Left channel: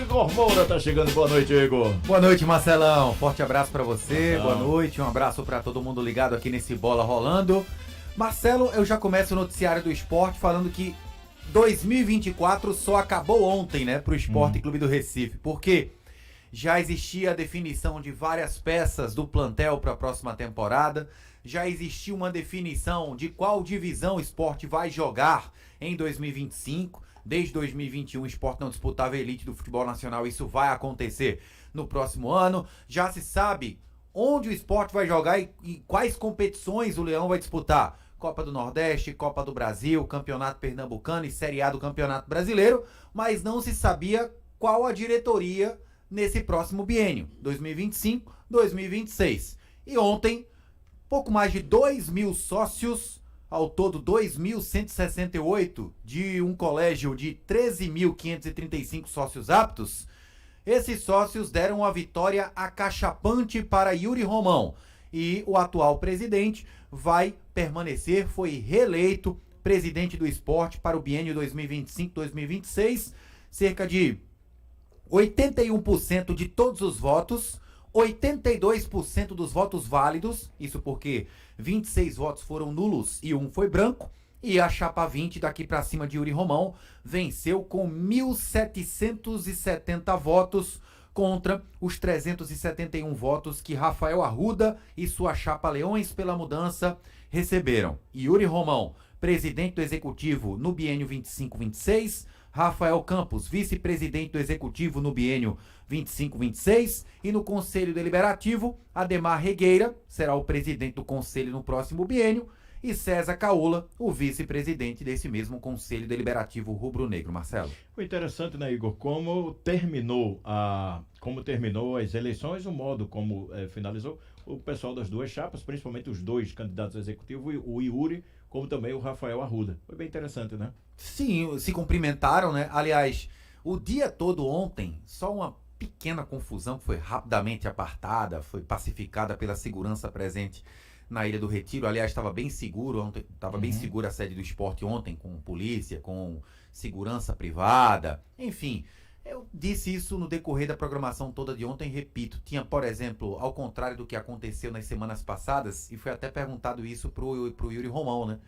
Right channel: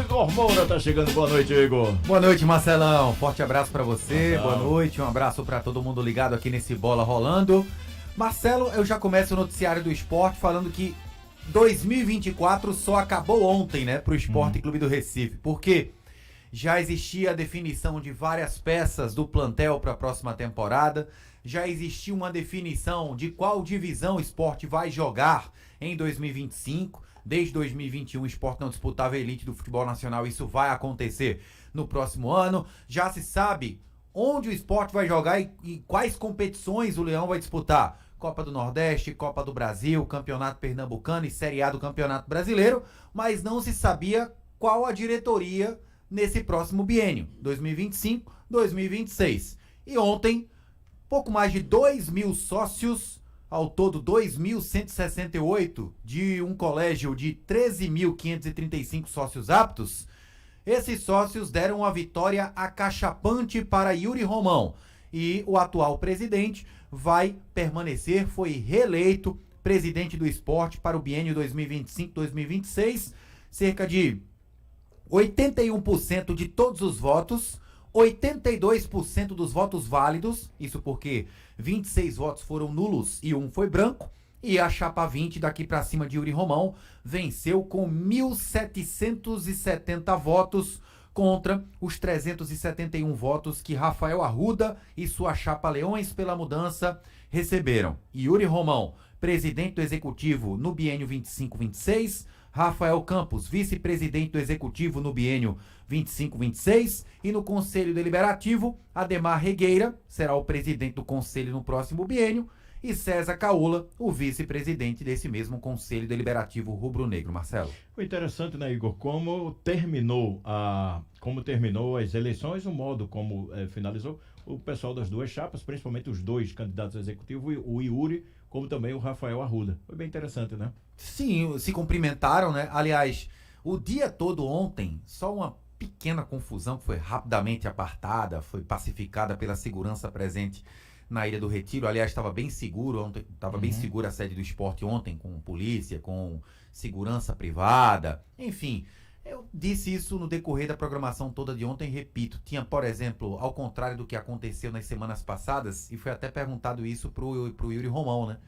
Igor Moura tá chegando. Boa noite, Igor. Boa noite, Marcelão. Forte abraço pra você. Marcelo. Boa noite. Um abraço pra todo mundo ligado aqui nesse Bola Rolando. Marcelo, eu já começo o noticiário do esporte falando que 2024 só acabou ontem, né, pro Esporte Clube do Recife. Porque já existia a definição de várias peças do plantel para a próxima temporada. Já existia uma definição de qual divisão o esporte vai jogar em 2025. Desde 2021 o esporte não disputava a elite do futebol nacional. Isso vai acontecer no próximo ano. Já se sabe onde o esporte vai jogar e quais competições o Leão vai disputar. Copa do Nordeste, Copa do Brasil, Campeonato Pernambucano e Série A do Campeonato Brasileiro. Mas não se sabia qual a diretoria nesse próximo biênio, 2025-2026. E ontem, pouco mais de 2.000 sócios, ao todo 2.168, de um colégio de 13.535 sócios aptos, esses sócios deram uma vitória acachapante para Yuri Romão. E o atual presidente vai permanecer, foi reeleito presidente do esporte para o biênio 2025-2026, cerca de 81% de todos os votos, 82% dos votos válidos, isso porque 26 votos foram nulos e um foi branco, e a chapa 20 daqui para cima de Yuri Romão venceu com 1.770 votos contra os 371 votos que Rafael Arruda e sua chapa Leões pela Mudança receberam. Yuri Romão, presidente do executivo no biênio 25-26, Rafael Campos, vice-presidente do Executivo no biênio 25-26, e no Conselho Deliberativo, Ademar Regueira será o presidente do Conselho no próximo biênio, e César Caola, o vice-presidente desse mesmo Conselho Deliberativo rubro-negro. Marcelo. Foi interessante, né, Igor, como terminou as eleições, o modo como finalizou o pessoal das duas chapas, principalmente os dois candidatos executivos, o Yuri, como também o Rafael Arruda. Foi bem interessante, né? Sim, se cumprimentaram, né? Aliás, o dia todo ontem, só uma pequena confusão que foi rapidamente apartada, foi pacificada pela segurança presente na Ilha do Retiro. Aliás, estava bem seguro ontem, estava bem segura a sede do esporte ontem, com polícia, com segurança privada, enfim. Eu disse isso no decorrer da programação toda de ontem, repito, tinha, por exemplo, ao contrário do que aconteceu nas semanas passadas, e foi até perguntado isso pro Yuri Romão, né?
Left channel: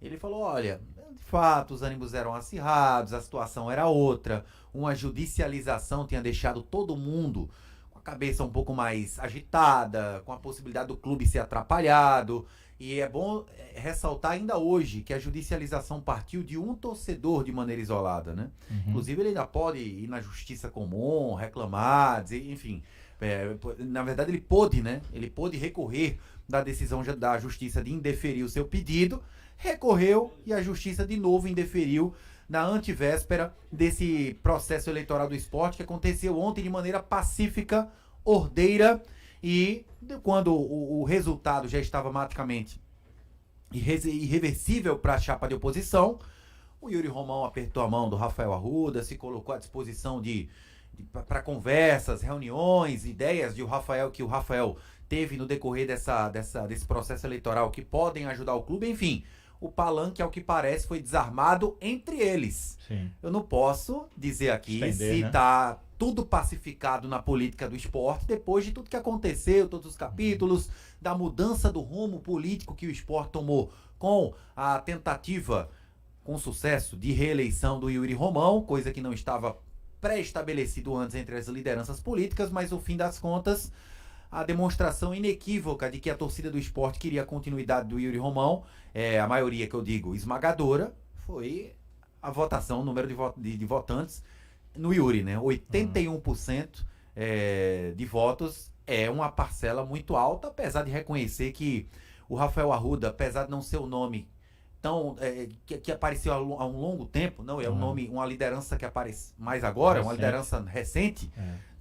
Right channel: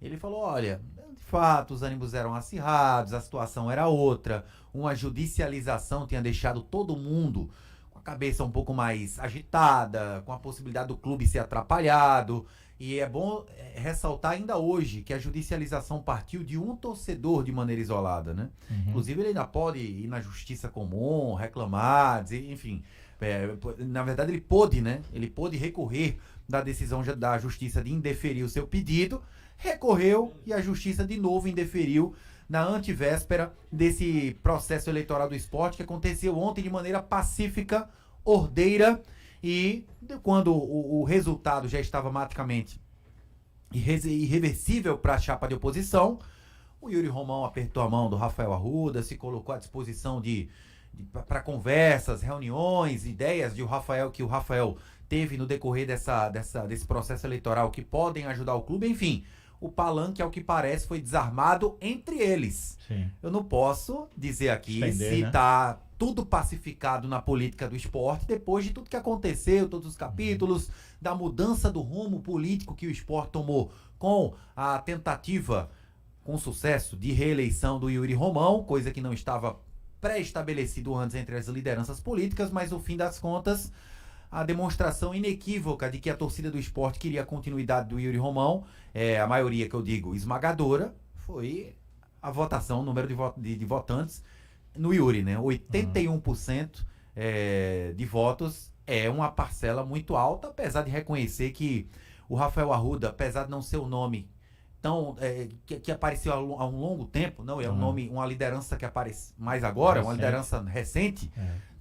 Ele falou, olha, de fato, os ânimos eram acirrados, a situação era outra, uma judicialização tinha deixado todo mundo com a cabeça um pouco mais agitada, com a possibilidade do clube ser atrapalhado, e é bom ressaltar ainda hoje que a judicialização partiu de um torcedor de maneira isolada, né? Inclusive ele ainda pode ir na justiça comum, reclamar, dizer, enfim, na verdade ele pôde, né? Ele pôde recorrer da decisão da justiça de indeferir o seu pedido, recorreu e a justiça de novo indeferiu na antevéspera desse processo eleitoral do esporte que aconteceu ontem de maneira pacífica, ordeira, e quando o resultado já estava praticamente irreversível para a chapa de oposição, o Yuri Romão apertou a mão do Rafael Arruda, se colocou à disposição para conversas, reuniões, ideias que o Rafael teve no decorrer desse processo eleitoral que podem ajudar o clube, enfim. O palanque, ao que parece, foi desarmado entre eles. Sim. Eu não posso dizer aqui Estender, se né? tá tudo pacificado na política do esporte, depois de tudo que aconteceu, todos os capítulos, da mudança do rumo político que o esporte tomou com a tentativa, com sucesso, de reeleição do Yuri Romão, coisa que não estava pré-estabelecido antes entre as lideranças políticas, mas no fim das contas, a demonstração inequívoca de que a torcida do esporte queria a continuidade do Yuri Romão, a maioria que eu digo esmagadora, foi a votação, o número de votantes no Yuri, né? 81% de votos é uma parcela muito alta, apesar de reconhecer que o Rafael Arruda, apesar de não ser o nome tão que apareceu há um longo tempo, não é um nome, uma liderança que aparece mais agora, uma liderança recente,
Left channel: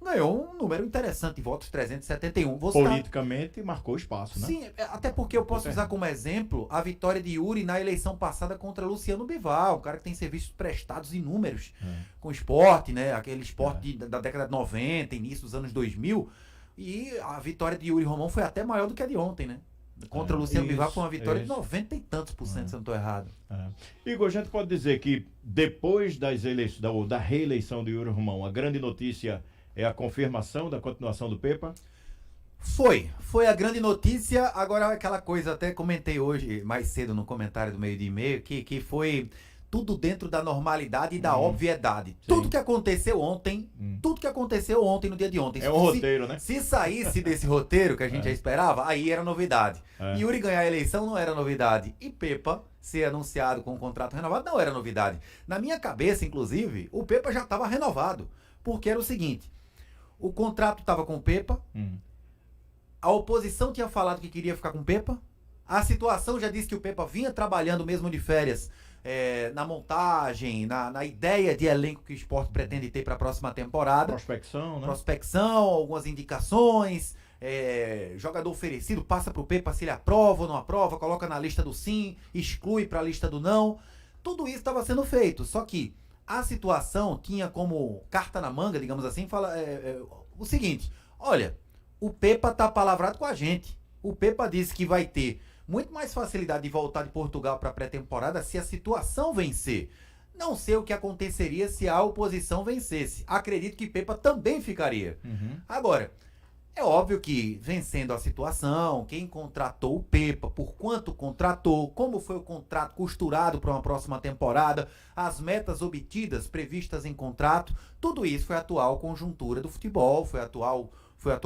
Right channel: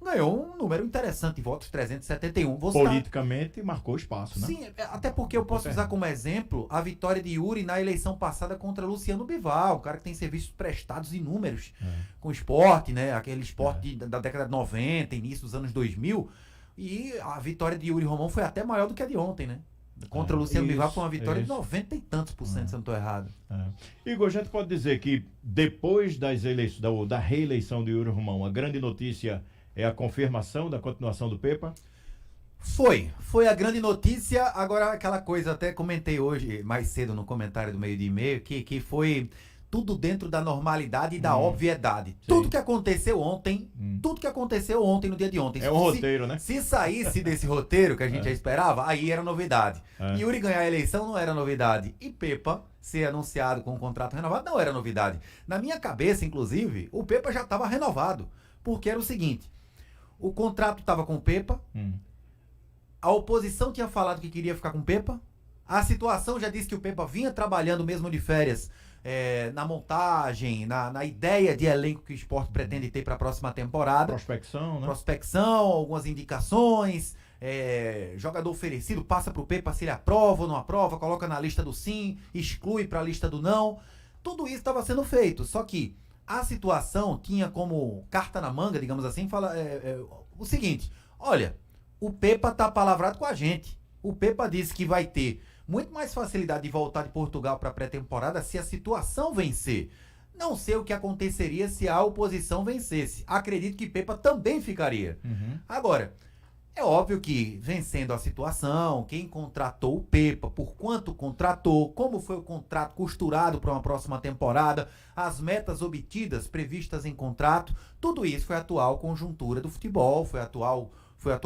ganhou um número interessante de votos, 371. Politicamente marcou espaço, né? Sim, até porque eu posso usar como exemplo a vitória de Yuri na eleição passada contra Luciano Bivar, um cara que tem serviços prestados inúmeros com esporte, né? Aquele esporte da década de 90, início dos anos 2000, e a vitória de Yuri Romão foi até maior do que a de ontem, né? Contra o Luciano isso, Bivar foi uma vitória de isso. 90 e tantos por cento, se eu não estou errado. Igor, a gente pode dizer que depois da reeleição de Yuri Romão, a grande notícia é a confirmação da continuação do Pepa? Foi a grande notícia. Agora, aquela coisa, até comentei hoje, mais cedo, no comentário do meio de e-mail, que foi tudo dentro da normalidade e da obviedade. Sim. Tudo que aconteceu ontem, no dia de ontem. É um roteiro, né? Se saísse desse roteiro que a gente já esperava, aí era novidade. Yuri ganhar a eleição não era novidade. E Pepa ser anunciado com um contrato renovado não era novidade. Na minha cabeça, inclusive, o Pepa já estava renovado. Porque era o seguinte, o contrato estava com o Pepa, a oposição tinha falado que queria ficar com o Pepa, a situação já disse que o Pepa vinha trabalhando mesmo de férias na montagem, na ideia de elenco que o Sport pretende ter para a próxima temporada. Prospecção, né? Prospecção, algumas indicações, jogador oferecido, passa para o Pepa se ele aprova ou não aprova, coloca na lista do sim, exclui para a lista do não. Tudo isso estava sendo feito, só que a situação tinha como carta na manga, digamos assim, o seguinte, olha, o Pepa tá palavrado com a gente. O Pepa disse que vai ter muito mais facilidade de voltar de Portugal para a pré-temporada se a situação vencer. Não sei o que aconteceria se a oposição vencesse. Acredito que Pepa também ficaria. Agora, é óbvio que vencendo a situação, quem contratou o Pepa, por quanto contratou, como foi o contrato costurado para uma próxima temporada, as metas obtidas, previstas em contrato, tudo isso foi a atual conjuntura do futebol, foi atual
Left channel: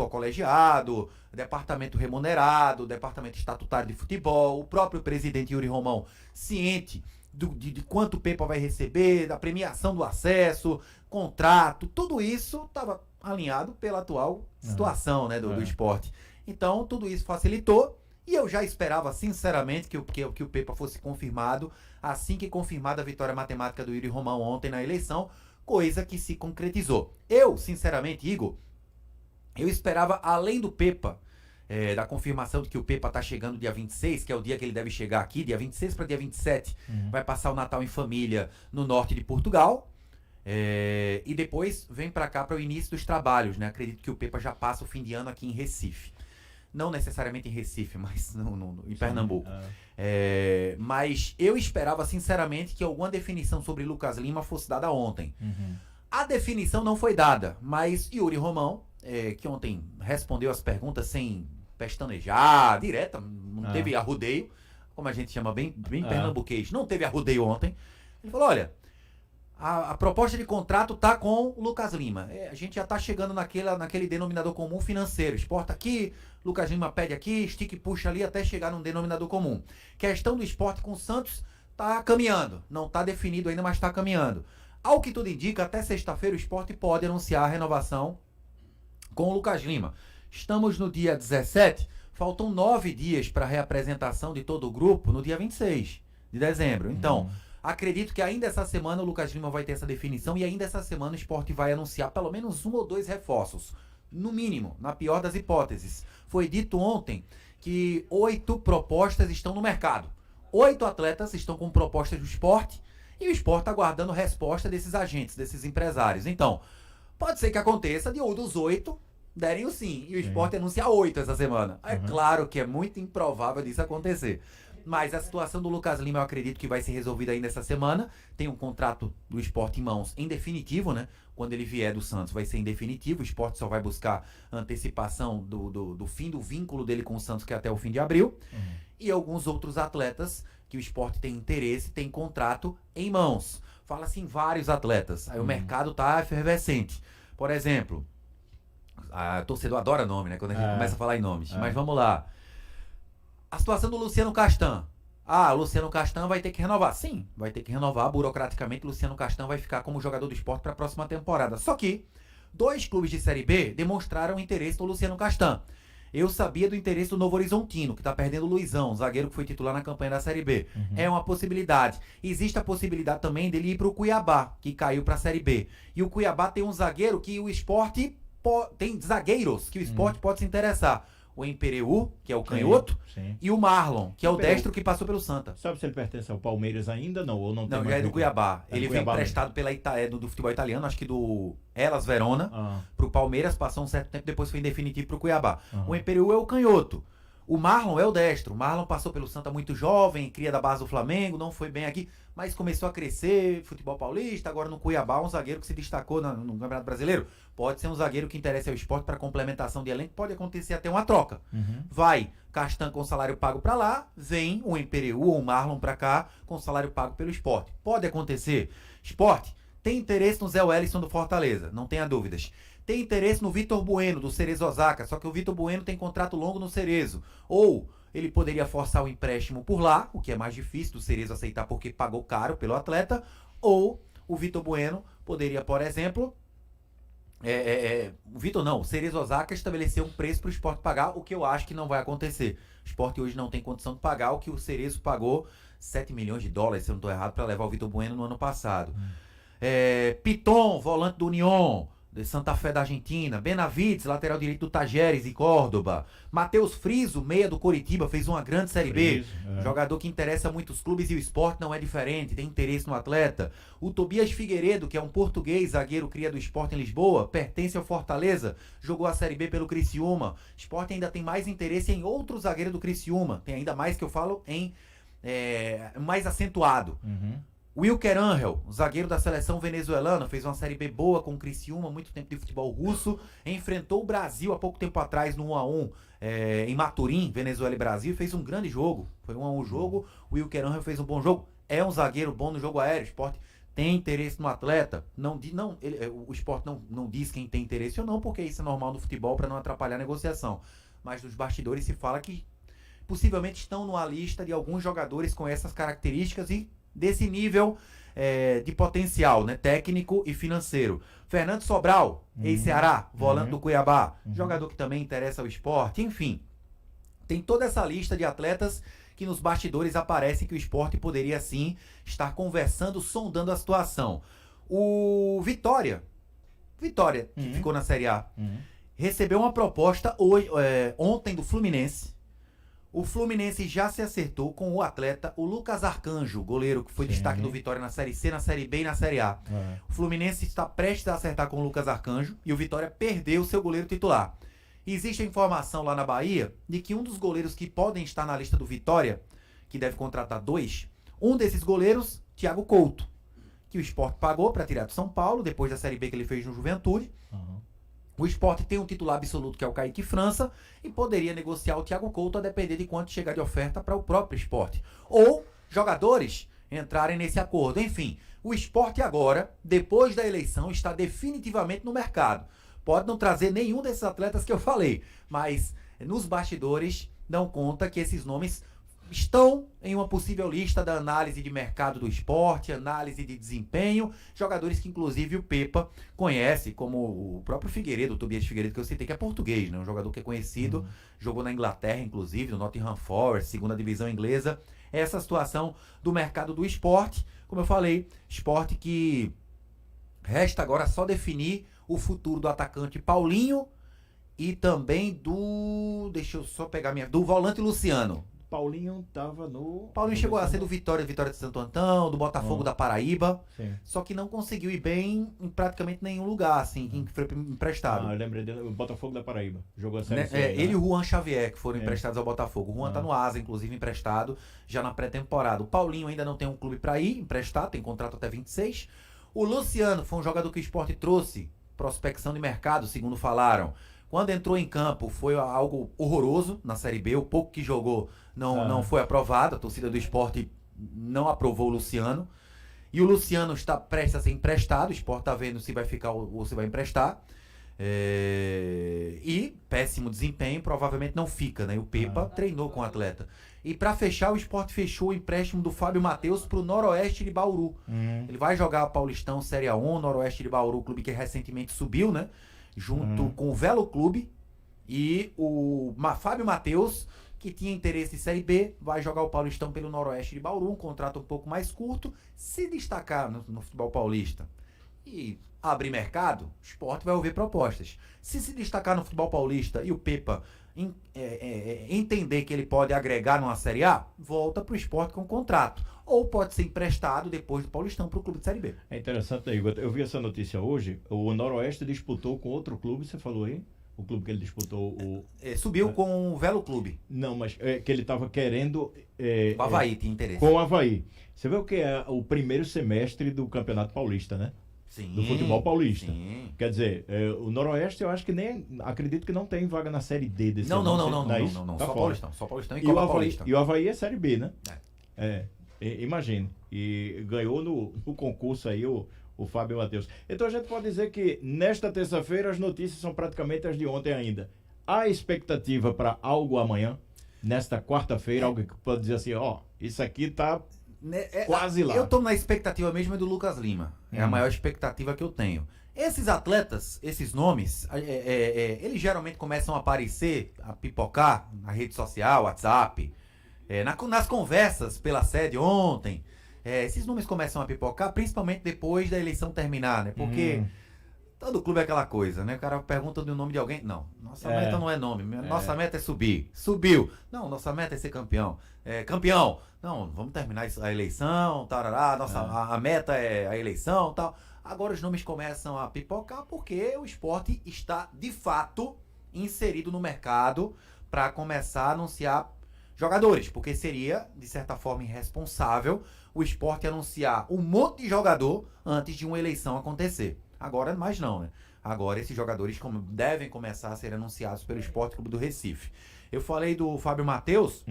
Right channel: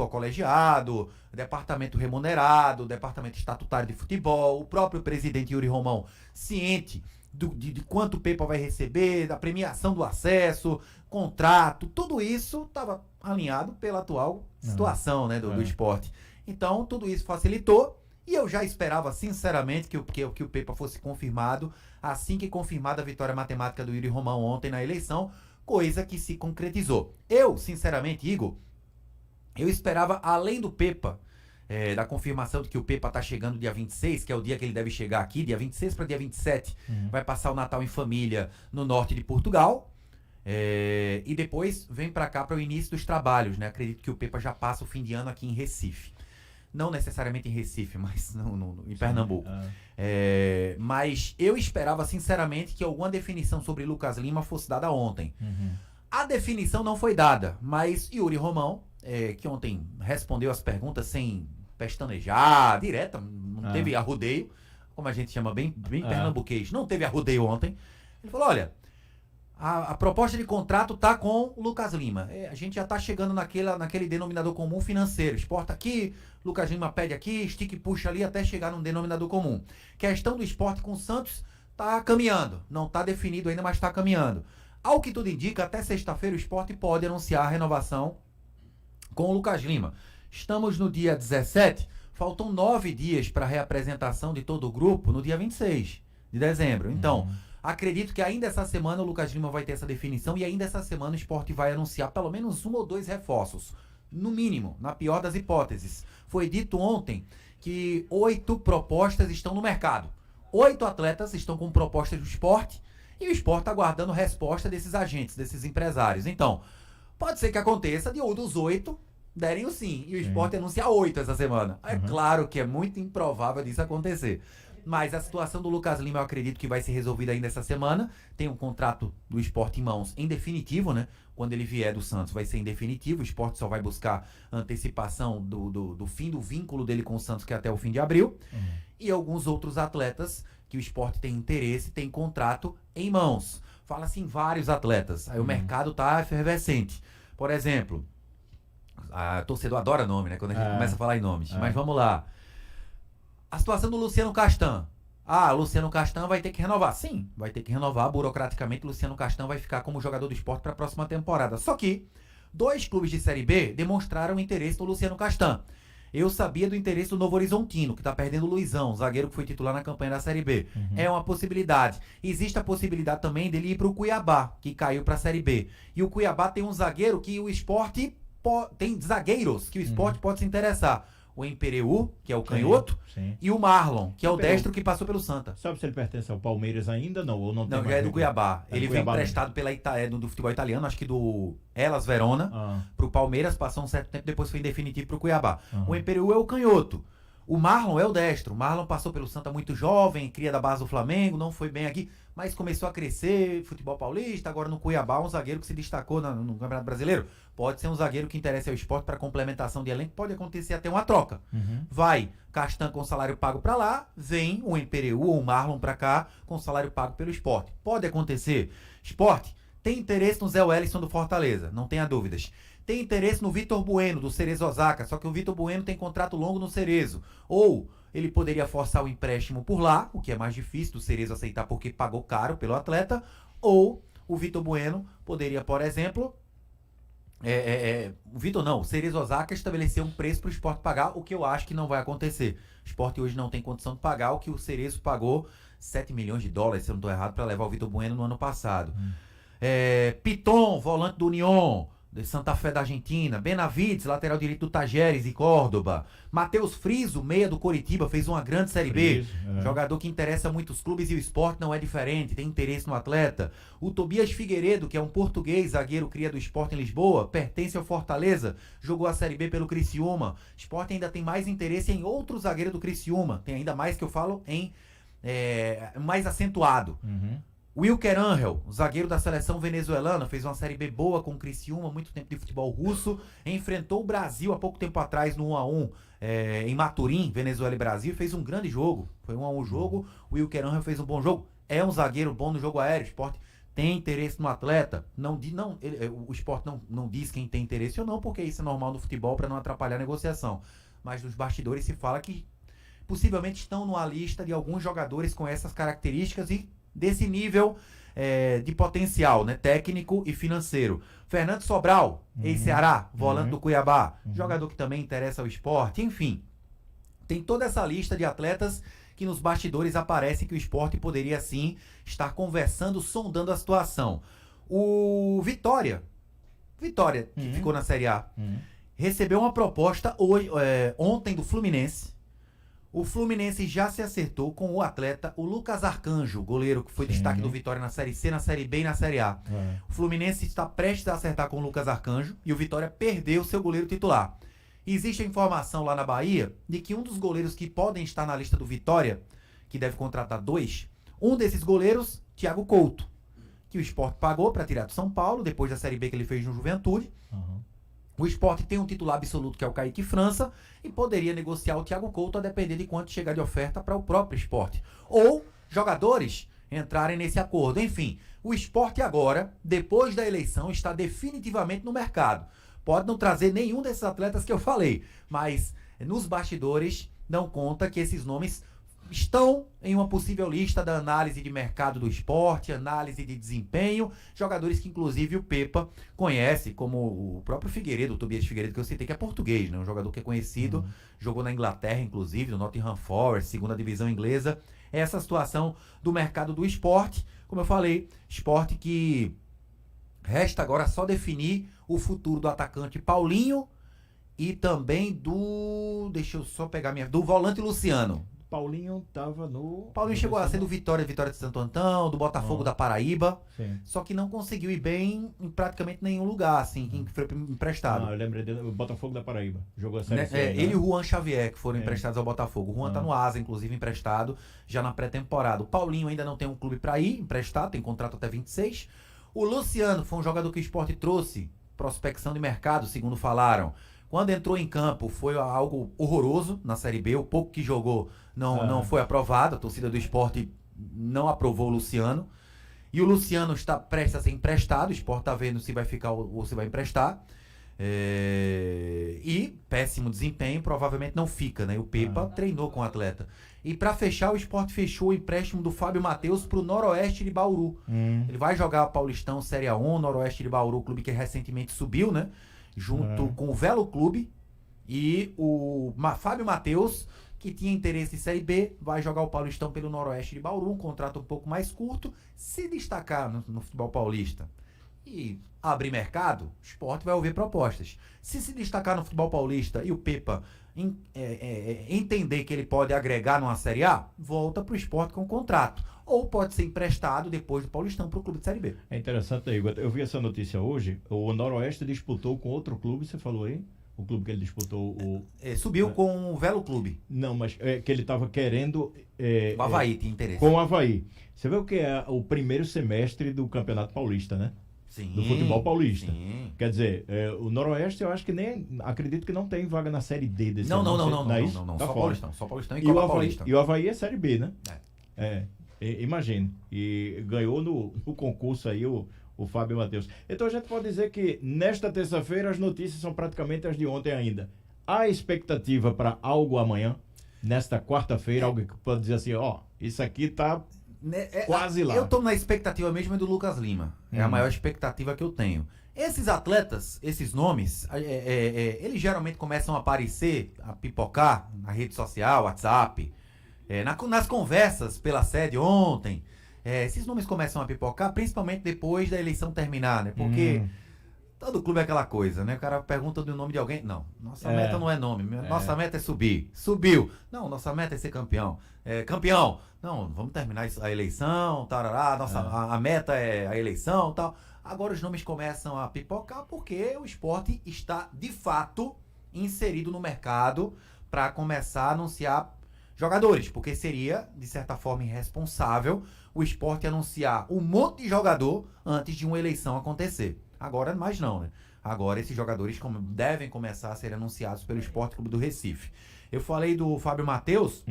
colegiado, departamento remunerado, departamento estatutário de futebol, o próprio presidente Yuri Romão ciente de quanto o Pepa vai receber, da premiação do acesso, contrato, tudo isso estava alinhado pela atual situação, né, do esporte. Então, tudo isso facilitou e eu já esperava, sinceramente, que o Pepa fosse confirmado assim que confirmada a vitória matemática do Yuri Romão ontem na eleição, coisa que se concretizou. Eu, sinceramente, Igor, eu esperava, além do Pepa, da confirmação de que o Pepa tá chegando dia 26, que é o dia que ele deve chegar aqui, dia 26 para dia 27, vai passar o Natal em família no norte de Portugal, e depois vem para cá para o início dos trabalhos, né? Acredito que o Pepa já passa o fim de ano aqui em Recife. Não necessariamente em Recife, mas em Pernambuco. Mas eu esperava, sinceramente, que alguma definição sobre Lucas Lima fosse dada ontem. A definição não foi dada, mas Yuri Romão, que ontem respondeu as perguntas sem pestanejar, direta, não teve arrudeio, como a gente chama bem pernambuquês, não teve arrudeio ontem. Ele falou, olha, a proposta de contrato tá com o Lucas Lima. A gente já tá chegando naquele denominador comum financeiro. Sport aqui, Lucas Lima pede aqui, estica e puxa ali até chegar num denominador comum. Questão do Sport com o Santos tá caminhando. Não tá definido ainda, mas tá caminhando. Ao que tudo indica, até sexta-feira o Sport pode anunciar a renovação com o Lucas Lima. Estamos no dia 17, faltam 9 dias para a reapresentação de todo o grupo no dia 26 de dezembro. Então, acredito que ainda essa semana o Lucas Lima vai ter essa definição e ainda essa semana o Sport vai anunciar pelo menos 1 ou 2 reforços. No mínimo, na pior das hipóteses. Foi dito ontem que 8 propostas estão no mercado. 8 atletas estão com propostas do Sport e o Sport está aguardando resposta desses agentes, desses empresários. Então, pode ser que aconteça de um dos 8 derem o sim e o Sport anunciar 8 essa semana. É claro que é muito improvável disso acontecer. Mas a situação do Lucas Lima eu acredito que vai ser resolvida ainda essa semana. Tem um contrato do Sport em mãos em definitivo, né? Quando ele vier do Santos vai ser em definitivo. O Sport só vai buscar antecipação do fim do vínculo dele com o Santos, que é até o fim de abril. E alguns outros atletas que o Sport tem interesse, tem contrato em mãos. Fala-se em vários atletas. Aí o mercado tá efervescente. Por exemplo, a torcedor adora nome, né? Quando a gente começa a falar em nomes. Mas vamos lá. A situação do Luciano Castan. O Luciano Castan vai ter que renovar. Sim, vai ter que renovar. Burocraticamente, o Luciano Castan vai ficar como jogador do Sport para a próxima temporada. Só que 2 clubes de Série B demonstraram interesse no Luciano Castan. Eu sabia do interesse do Novo Horizontino, que está perdendo o Luizão, zagueiro que foi titular na campanha da Série B. É uma possibilidade. Existe a possibilidade também dele ir para o Cuiabá, que caiu para a Série B. E o Cuiabá tem um zagueiro que o Sport... Tem zagueiros que o Sport pode se interessar. O Empereu, que é o canhoto, e o Marlon, que é o destro que passou pelo Santa. Sabe se ele pertence ao Palmeiras ainda, não? Ou não, não, já é do Cuiabá. Ele veio emprestado pela do futebol italiano, acho que do Hellas Verona, pro Palmeiras, passou um certo tempo, depois foi em definitivo pro Cuiabá. O Empereu é o canhoto. O Marlon é o destro. O Marlon passou pelo Santa muito jovem, cria da base do Flamengo, não foi bem aqui, mas começou a crescer, futebol paulista, agora no Cuiabá, um zagueiro que se destacou no Campeonato Brasileiro. Pode ser um zagueiro que interessa ao esporte para complementação de elenco, pode acontecer até uma troca. Vai Castan com salário pago para lá, vem o Empereu ou o Marlon para cá com salário pago pelo esporte. Pode acontecer. Esporte tem interesse no Zé Wellison do Fortaleza, não tenha dúvidas. Tem interesse no Vitor Bueno, do Cerezo Osaka, só que o Vitor Bueno tem contrato longo no Cerezo. Ou ele poderia forçar o empréstimo por lá, o que é mais difícil do Cerezo aceitar porque pagou caro pelo atleta. Ou o Vitor Bueno poderia, por exemplo... o Cerezo Osaka estabeleceu um preço para o Sport pagar, o que eu acho que não vai acontecer. O Sport hoje não tem condição de pagar o que o Cerezo pagou, 7 milhões de dólares, se eu não estou errado, para levar o Vitor Bueno no ano passado. Piton, volante do Unión, de Santa Fé da Argentina. Benavides, lateral direito do Tajeres e Córdoba. Matheus Friso, meia do Coritiba, fez uma grande Série B. Jogador que interessa muitos clubes e o Sport não é diferente, tem interesse no atleta. O Tobias Figueiredo, que é um português, zagueiro cria do Sport em Lisboa, pertence ao Fortaleza, jogou a Série B pelo Criciúma. Sport ainda tem mais interesse em outro zagueiro do Criciúma, tem ainda mais que eu falo em mais acentuado. Wilker Angel, zagueiro da seleção venezuelana, fez uma Série B boa com o Criciúma, muito tempo de futebol russo, enfrentou o Brasil há pouco tempo atrás no 1-1 em Maturim, Venezuela e Brasil, fez um grande jogo, foi 1-1 o jogo, o Wilker Angel fez um bom jogo, é um zagueiro bom no jogo aéreo, o Sport tem interesse no atleta, o Sport não diz quem tem interesse ou não, porque isso é normal no futebol para não atrapalhar a negociação, mas nos bastidores se fala que possivelmente estão numa lista de alguns jogadores com essas características e desse nível de potencial, né, técnico e financeiro. Fernando Sobral, ex-Ceará, volante do Cuiabá, jogador que também interessa ao esporte, enfim. Tem toda essa lista de atletas que nos bastidores aparece que o esporte poderia sim estar conversando, sondando a situação. O Vitória, que ficou na Série A, recebeu uma proposta ontem do Fluminense. O Fluminense já se acertou com o atleta, o Lucas Arcanjo, goleiro que foi destaque do Vitória na Série C, na Série B e na Série A. O Fluminense está prestes a acertar com o Lucas Arcanjo e o Vitória perdeu seu goleiro titular. Existe a informação lá na Bahia de que um dos goleiros que podem estar na lista do Vitória, que deve contratar 2, um desses goleiros, Thiago Couto, que o Sport pagou para tirar do São Paulo, depois da Série B que ele fez no Juventude. O Sport tem um titular absoluto que é o Kaique França e poderia negociar o Thiago Couto a depender de quanto chegar de oferta para o próprio Sport. Ou jogadores entrarem nesse acordo. Enfim, o Sport agora, depois da eleição, está definitivamente no mercado. Pode não trazer nenhum desses atletas que eu falei, mas nos bastidores dão conta que esses nomes estão em uma possível lista da análise de mercado do esporte, análise de desempenho, jogadores que inclusive o Pepa conhece, como o próprio Figueiredo, o Tobias Figueiredo, que eu citei, que é português, né? Um jogador que é conhecido, jogou na Inglaterra, inclusive, no Nottingham Forest, segunda divisão inglesa. Essa situação do mercado do esporte, como eu falei, esporte que resta agora só definir o futuro do atacante Paulinho e também do volante Luciano. Paulinho estava no... Paulinho chegou a ser do Vitória de Santo Antão, do Botafogo da Paraíba, só que não conseguiu ir bem em praticamente nenhum lugar, assim, em que foi emprestado. Eu lembrei dele, o Botafogo da Paraíba, jogou a Série C. Ele e o Juan Xavier, que foram emprestados ao Botafogo. O Juan tá no Asa, inclusive, emprestado, já na pré-temporada. O Paulinho ainda não tem um clube para ir, emprestado, tem contrato até 26. O Luciano foi um jogador que o Sport trouxe, prospecção de mercado, segundo falaram. Quando entrou em campo, foi algo horroroso na Série B. O pouco que jogou não foi aprovado. A torcida do Sport não aprovou o Luciano. E o Luciano está prestes a ser emprestado. O Sport está vendo se vai ficar ou se vai emprestar. E péssimo desempenho, provavelmente não fica, né? O Pepa treinou com o atleta. E para fechar, o Sport fechou o empréstimo do Fábio Matheus para o Noroeste de Bauru. Ele vai jogar Paulistão Série A1, Noroeste de Bauru, clube que recentemente subiu, né? Junto com o Velo Clube, e o Fábio Matheus, que tinha interesse em Série B, vai jogar o Paulistão pelo Noroeste de Bauru, um contrato um pouco mais curto, se destacar no futebol paulista e abrir mercado, o Sport vai ouvir propostas. Se destacar no futebol paulista e o Pepa entender que ele pode agregar numa Série A, volta para o Sport com contrato. Ou pode ser emprestado depois do Paulistão para o clube de Série B. É interessante, Igor. Eu vi essa notícia hoje. O Noroeste disputou com outro clube, você falou aí? O clube que ele disputou o... Subiu com o Velo Clube. Não, mas que ele estava querendo... O Avaí tinha interesse. Com o Avaí. Você vê o que é o primeiro semestre do Campeonato Paulista, né? Sim, do futebol paulista. Sim. Quer dizer, o Noroeste eu acho que nem... Acredito que não tem vaga na Série D desse ano. Não. Tá Só fora. Paulistão. Só Paulistão e o Copa Avaí, Paulista. E o Avaí é Série B, né? Imagine. E ganhou no concurso aí o Fábio Matheus. Então a gente pode dizer que nesta terça-feira as notícias são praticamente as de ontem ainda. Há expectativa para algo amanhã, nesta quarta-feira, algo que pode dizer assim, isso aqui tá quase lá. Eu tô na expectativa mesmo do Lucas Lima. É a maior expectativa que eu tenho. Esses atletas, esses nomes, eles geralmente começam a aparecer, a pipocar na rede social, WhatsApp, nas conversas pela sede ontem. Esses nomes começam a pipocar, principalmente depois da eleição terminar, né? Porque todo clube é aquela coisa, né? O cara pergunta do nome de alguém. Não, nossa meta não é nome. Nossa meta é subir. Subiu. Não, nossa meta é ser campeão. Campeão. Não, vamos terminar a eleição, tarará. A meta é a eleição, tal. Agora os nomes começam a pipocar porque o esporte está, de fato, inserido no mercado para começar a anunciar jogadores. Porque seria, de certa forma, irresponsável o esporte anunciar um monte de jogador antes de uma eleição acontecer. Agora, mais não, né? Agora esses jogadores devem começar a ser anunciados pelo Esporte Clube do Recife. Eu falei do Fábio Matheus.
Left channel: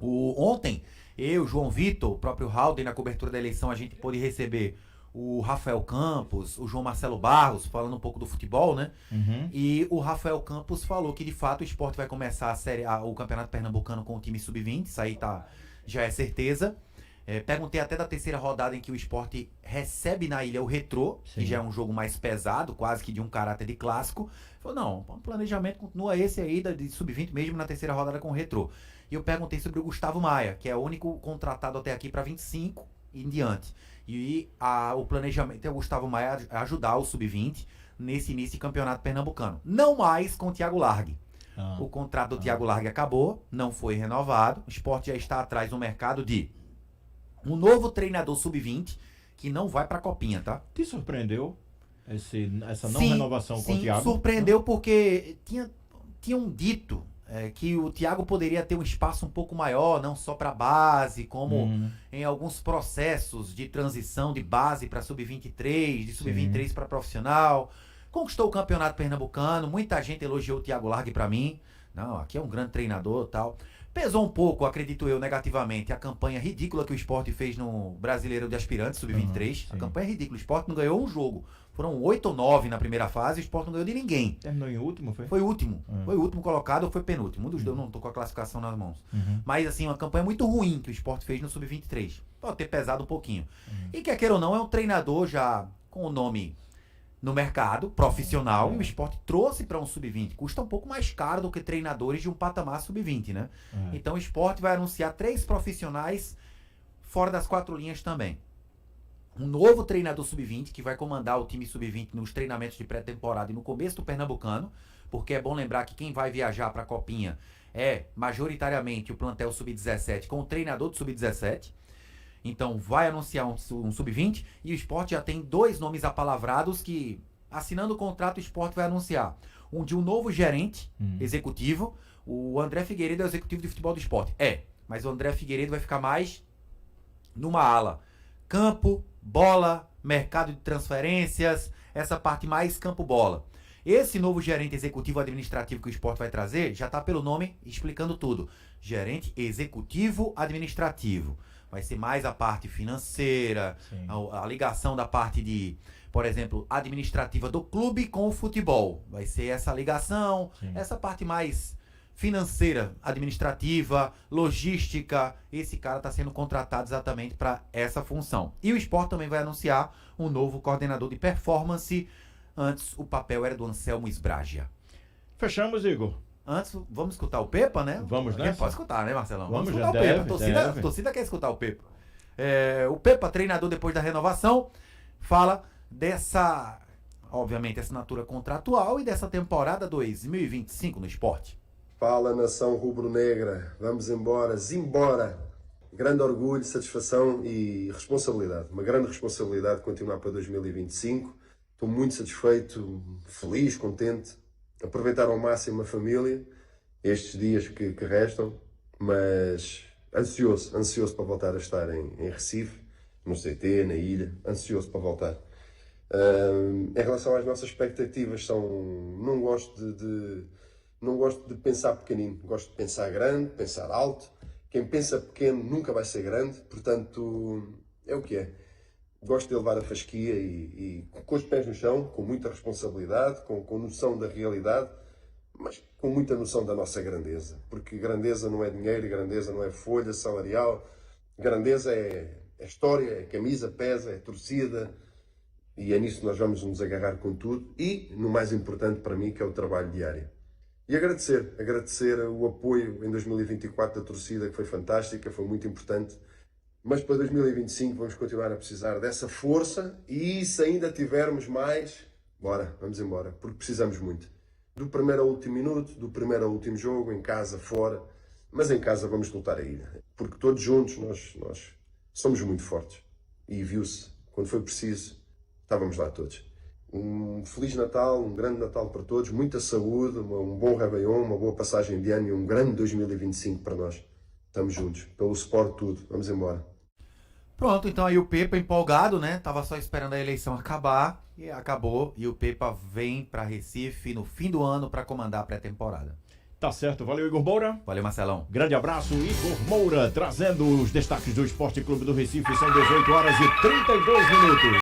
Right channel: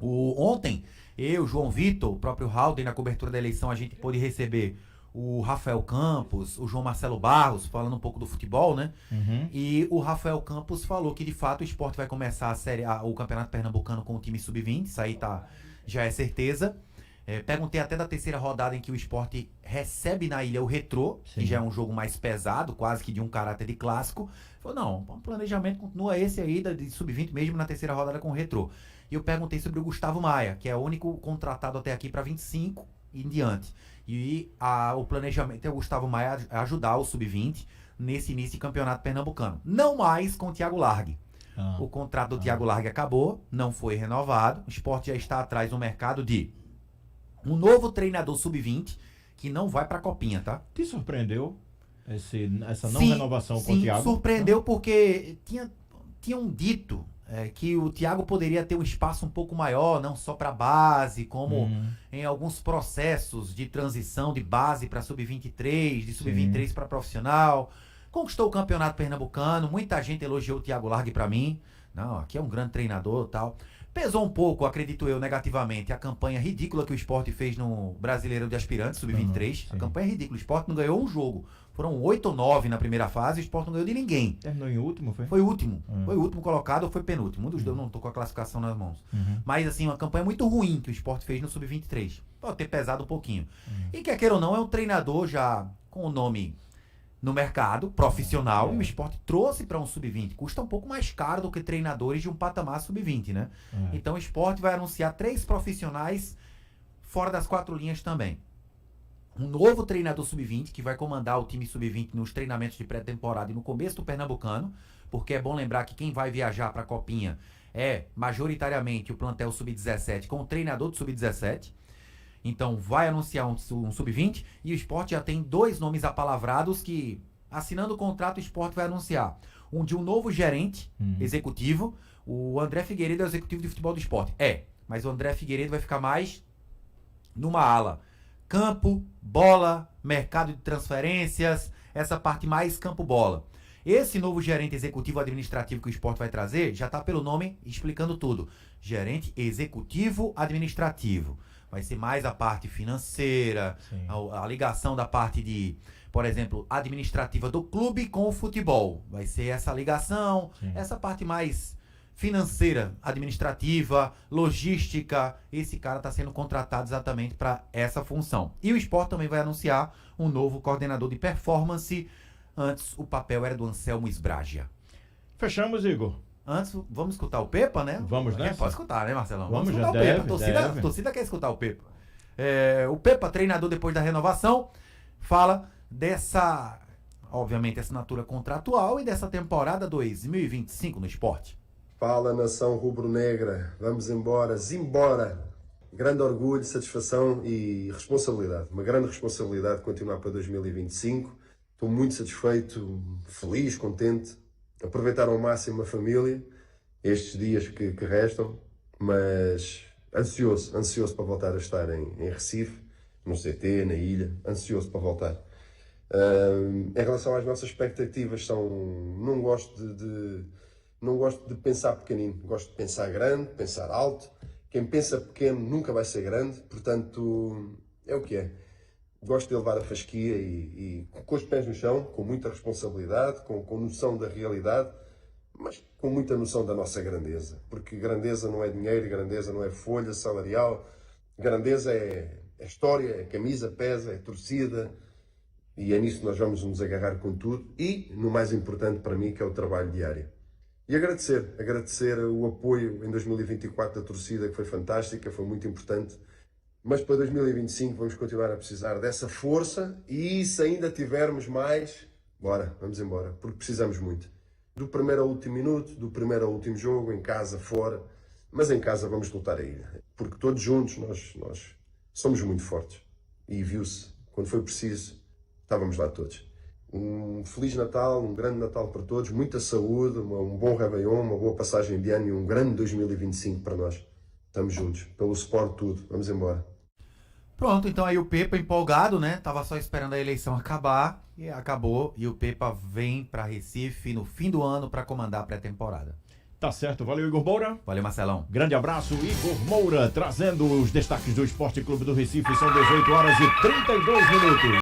Ontem, eu, João Vitor, o próprio Halden, na cobertura da eleição, a gente pôde receber o Rafael Campos, o João Marcelo Barros, falando um pouco do futebol, né? E o Rafael Campos falou que, de fato, o esporte vai começar o Campeonato Pernambucano com o time sub-20. Isso aí já é certeza. Perguntei até da terceira rodada em que o esporte recebe na ilha o Retrô, que já é um jogo mais pesado, quase que de um caráter de clássico. Falou, não, o planejamento continua esse aí de sub-20 mesmo na terceira rodada com o Retrô. E eu perguntei sobre o Gustavo Maia, que é o único contratado até aqui para 25 e em diante. E o planejamento é o Gustavo Maia ajudar o sub-20 nesse início de campeonato pernambucano. Não mais com o Thiago Largue. O contrato do Thiago Largue acabou, não foi renovado. O esporte já está atrás no mercado de um novo treinador sub-20 que não vai pra Copinha, tá? Te surpreendeu essa não renovação com o Thiago? Sim, surpreendeu porque tinham dito que o Thiago poderia ter um espaço um pouco maior, não só pra base, como em alguns processos de transição de base pra sub-23, de sub-23 pra profissional. Conquistou o campeonato pernambucano, muita gente elogiou o Thiago Largue pra mim. Não, aqui é um grande treinador e tal. Pesou um pouco, acredito eu, negativamente, a campanha ridícula que o esporte fez no Brasileiro de Aspirantes, sub-23. A campanha é ridícula. O esporte não ganhou um jogo. Foram 8 ou 9 na primeira fase, o esporte não ganhou de ninguém. Terminou em último, foi? Foi o último. Foi o último colocado ou foi penúltimo. Um dos dois, não tô com a classificação nas mãos. Mas, assim, uma campanha muito ruim que o esporte fez no sub-23. Pode ter pesado um pouquinho. E quer queira ou não, é um treinador já com o nome no mercado, profissional, e o esporte trouxe para um sub-20. Custa um pouco mais caro do que treinadores de um patamar sub-20, né? Então o esporte vai anunciar 3 profissionais fora das 4 linhas também. Um novo treinador sub-20 que vai comandar o time sub-20 nos treinamentos de pré-temporada e no começo do Pernambucano, porque é bom lembrar que quem vai viajar para a Copinha é majoritariamente o plantel sub-17 com o treinador do sub-17. Então vai anunciar um sub-20 e o esporte já tem 2 nomes apalavrados que, assinando o contrato, o esporte vai anunciar. Um de um novo gerente executivo. O André Figueiredo é o executivo de futebol do esporte. Mas o André Figueiredo vai ficar mais numa ala. Campo, bola, mercado de transferências, essa parte mais campo-bola. Esse novo gerente executivo administrativo que o esporte vai trazer já está pelo nome explicando tudo. Gerente executivo administrativo. Vai ser mais a parte financeira, a ligação da parte de, por exemplo, administrativa do clube com o futebol. Vai ser essa ligação, essa parte mais financeira, administrativa, logística. Esse cara está sendo contratado exatamente para essa função. E o esporte também vai anunciar um novo coordenador de performance. Antes, o papel era do Anselmo Esbragia. Fechamos, Igor. Antes, vamos escutar o Pepa, né? Vamos, né? Pode escutar, né, Marcelão? Vamos escutar o deve, Pepa. A torcida quer escutar o Pepa. O Pepa, treinador depois da renovação, fala dessa, obviamente, assinatura contratual e dessa temporada 2025 no esporte. Fala, nação rubro-negra. Vamos embora, zimbora. Grande orgulho, satisfação e responsabilidade. Uma grande responsabilidade de continuar para 2025. Estou muito satisfeito, feliz, contente. aproveitar ao máximo a família, estes dias que restam, mas ansioso para voltar a estar em Recife, no CT, na ilha, ansioso para voltar. Em relação às nossas expectativas, não gosto de pensar pequenino, gosto de pensar grande, pensar alto. Quem pensa pequeno nunca vai ser grande, portanto, é o que é. Gosto de levar a fasquia e com os pés no chão, com muita responsabilidade, com noção da realidade, mas com muita noção da nossa grandeza. Porque grandeza não é dinheiro, grandeza não é folha salarial, grandeza é história, é camisa, pesa, é torcida, e é nisso que nós vamos nos agarrar com tudo e, no mais importante para mim, que é o trabalho diário. E agradecer o apoio em 2024 da torcida, que foi fantástica, foi muito importante. Mas para 2025 vamos continuar a precisar dessa força e se ainda tivermos mais, vamos embora, porque precisamos muito. Do primeiro ao último minuto, do primeiro ao último jogo, em casa, fora, mas em casa vamos lutar a ilha. Porque todos juntos nós somos muito fortes. E viu-se, quando foi preciso, estávamos lá todos. Um Feliz Natal, um grande Natal para todos, muita saúde, um bom Réveillon, uma boa passagem de ano e um grande 2025 para nós. Estamos juntos, pelo Sport tudo, vamos embora. Pronto, então aí o Pepa empolgado, né? Tava só esperando a eleição acabar e acabou. E o Pepa vem para Recife no fim do ano para comandar a pré-temporada. Tá certo, valeu Igor Moura. Valeu, Marcelão. Grande abraço, Igor Moura, trazendo os destaques do Esporte Clube do Recife. São 18 horas e 32 minutos.